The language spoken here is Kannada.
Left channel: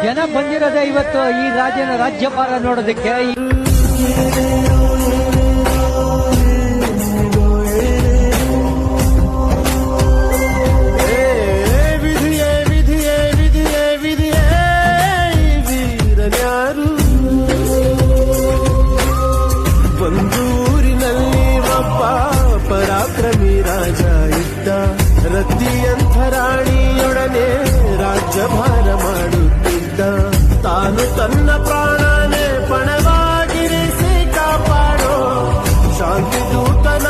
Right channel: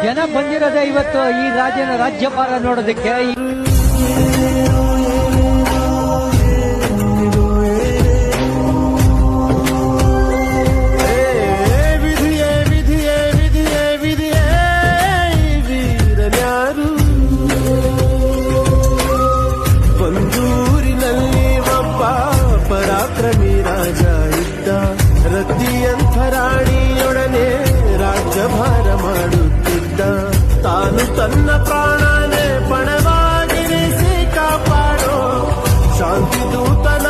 ಜನ ಬಂದಿರೋದೇ ಇವತ್ತು ಈ ರಾಜ್ಯಪಾಲ ನೋಡೋದಕ್ಕೆ. ಬಂದೂರಿನಲ್ಲಿ ಒಬ್ಬ ಪರಾಕ್ರಮಿ ರಾಜ ಇದ್ದ, ರತಿಯಂಥ ರಾಣಿಯೊಡನೆ ರಾಜ್ಯಭಾರ ಮಾಡುತ್ತಿದ್ದ. ತಾನು ತನ್ನ ಪ್ರಾಣನೇ ಪಣವಾಗಿರಿಸಿ ಕಾಪಾಡೋ ಶಾಂತಿ ದೂತನ